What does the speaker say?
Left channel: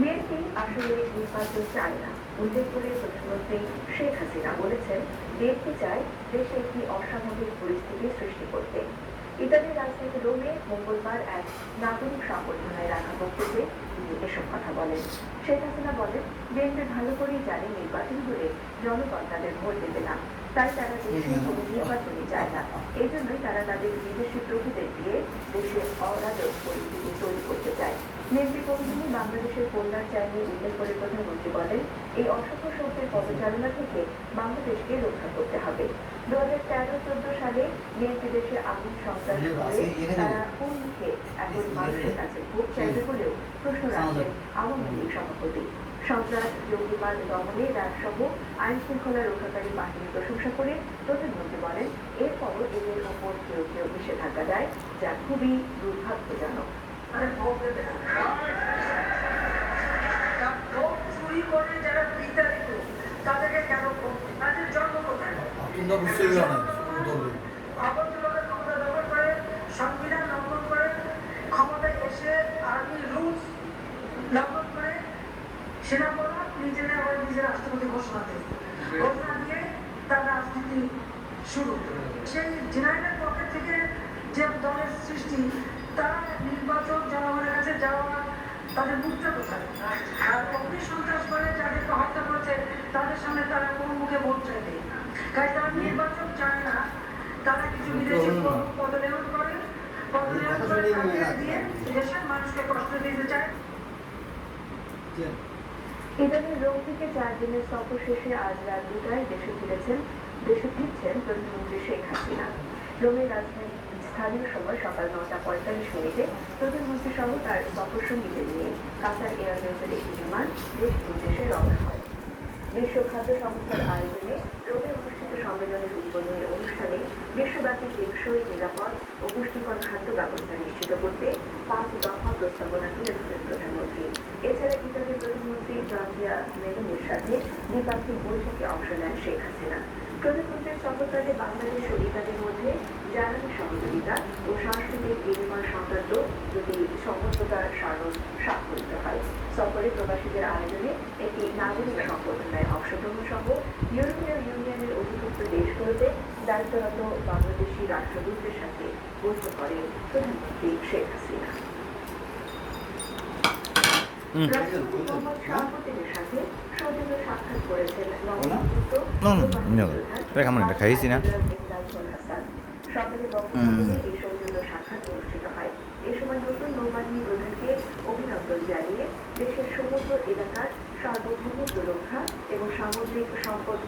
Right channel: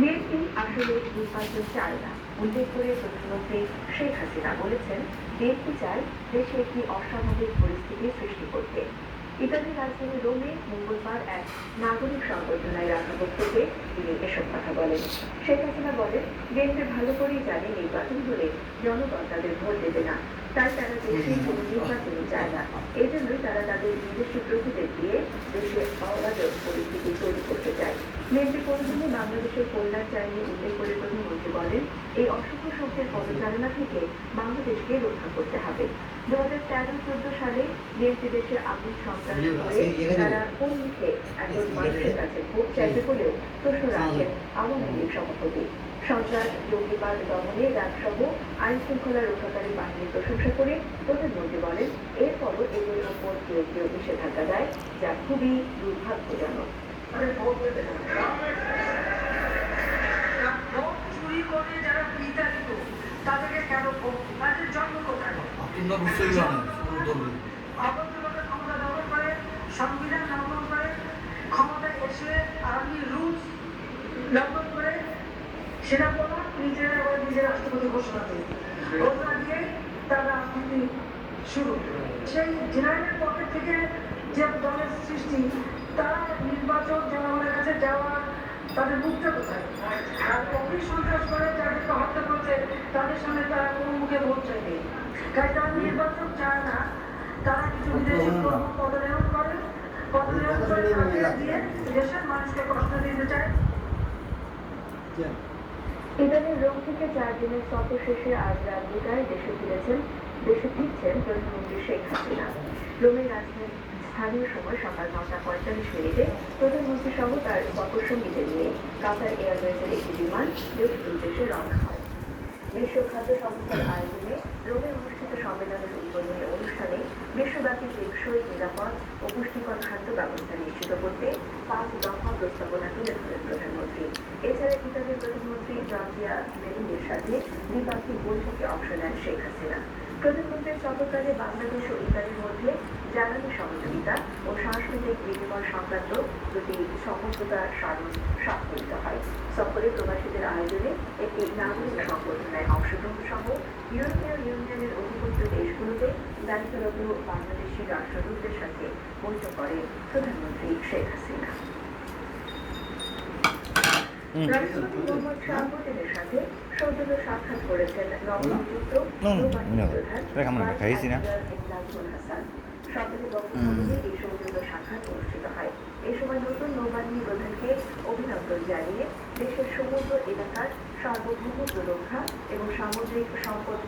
BNP আসলে নির্বাচন চায় না উল্লেখ করে প্রধানমন্ত্রী শেখ হাসিনা বলেছেন, বিএনপি চায় দেশে একটি অস্বাভাবিক পরিস্থিতি সৃষ্টি করতে। ইতালির রাজধানী রোমে মঙ্গলবার এক নাগরিক সংবর্ধনায় রাখা বক্তব্যে তিনি এসব কথা বলেন। শেখ হাসিনা বলেন, বিএনপি ভালো করেই জানে নির্বাচন হলে জনগণ তাদের ভোট দেবে না, তাই তারা দেশে কোনো নির্বাচনই চায় না। এই জন্যই তারা তাদের বিদেশি প্রভুদের দিয়ে দেশে অরাজক পরিস্থিতি তৈরি করতে চায়। বিএনপি কোনোদিনই বাংলাদেশের কল্যাণ চায়নি উল্লেখ করে প্রধানমন্ত্রী বলেন, এই অসভ্য শক্তির পদচারণা থেকে বাংলাদেশকে রক্ষা করতে হবে। 2013-14 সালে বিএনপি দেশে আগুন সন্ত্রাস করে তারা কোন মুখে এখন মানুষের কাছে ভোট চাইবে বলেও প্রশ্ন রাখেন আওয়ামী লীগ সভাপতি। সন্ত্রাস, জঙ্গিবাদ দমনে রাজসহ আইন শৃঙ্খলা রক্ষাকারী বাহিনীর প্রশংসা করে প্রধানমন্ত্রী বলেন, এরপরও এদের ওপর কেউ কেউ নিষেধাজ্ঞা দেয়, যা খুবই দুর্ভাগ্যজনক। চুরি করে যারা বিতাড়িত তাদেরকে কেন তাদের জন্ম কোথায়? অবৈধভাবে ক্ষমতা দখল করে, সংবিধান লঙ্ঘন করে, ক্ষমতায় এসে আর্মি রুলস লঙ্ঘন করে, সেনাপ্রধান নিজের আবার নিজের রাষ্ট্রপতি ঘোষণা দিয়ে তার রাজনীতি শুরু। সেই জেনারেলের পক্ষ থেকে যে দলের সৃষ্টি, তারা নির্বাচন জনগণের কাছে যাওয়া তাদের মুখটা কোথায়? আর অগ্নি সন্ত্রাস করে যাদেরকে হত্যা করেছে তাদের সামনে তারা কোন মুখে ভোট চাইবে? তাই তারা নির্বাচন চায় না। তারা কিছু বিদেশি পদলেহন করে দিয়ে দেশের মানুষকে কষ্ট দিতে চায়। ইতালির রোম থেকে 4 দিনের সফর শেষে আজ রাত 2টায় দেশে ফিরছেন প্রধানমন্ত্রী শেখ হাসিনা। রোমের রাজধানী স্থানীয় সময় সকাল 9:45 প্রধানমন্ত্রী সহ তার সফর সঙ্গীদের নিয়ে কাতার এয়ারওয়েজের একটি বিমান দেশের উদ্দেশ্যে রওনা হয়। বিশ্ব খাদ্য সংস্থার আয়োজনে রোমে অনুষ্ঠিত সম্মেলনের উদ্বোধনী অনুষ্ঠানে বিশ্বব্যাপী টেকসই, নিরাপদ ও পুষ্টিকর খাদ্য ব্যবস্থা নিশ্চিত করতে 5 দফা প্রস্তাবনা তুলে ধরেন প্রধানমন্ত্রী। এছাড়া ইতালির প্রধানমন্ত্রী জর্জিয়া মেলোনির সাথে দ্বিপাক্ষিক বৈঠকে অংশ নেন শেখ হাসিনা। প্রধানমন্ত্রীর সফরকালে বাংলাদেশ ও ইতালির মধ্যে জ্বালানি সহযোগিতা ও সাংস্কৃতিক বিনিময় সংক্রান্ত দুটি সমঝোতার স্মারক স্বাক্ষরিত হয়। সফরে প্রবাসীদের আয়োজনে একটি নাগরিক সংবর্ধনায় অংশগ্রহণ সহ ইউরোপীয় ইউনিয়নের অধিভুক্ত দেশগুলোতে দায়িত্বরত বাংলাদেশি রাষ্ট্রদূতদের সাথে বৈঠক করেন প্রধানমন্ত্রী শেখ হাসিনা। রাষ্ট্রপতি মোহাম্মদ শাহাবুদ্দিনের সাথে সৌজন্য সাক্ষাৎ করেছেন নবনিযুক্ত সরকারি বক্তব্যে এই সৌজন্য সাক্ষাৎ অনুষ্ঠিত হয়। এ সময় নতুন নৌবাহিনী প্রধানকে অভিনন্দন জানিয়ে দেশের সমুদ্র এলাকার সার্বভৌমত্ব রক্ষা এবং সামুদ্রিক সম্পদ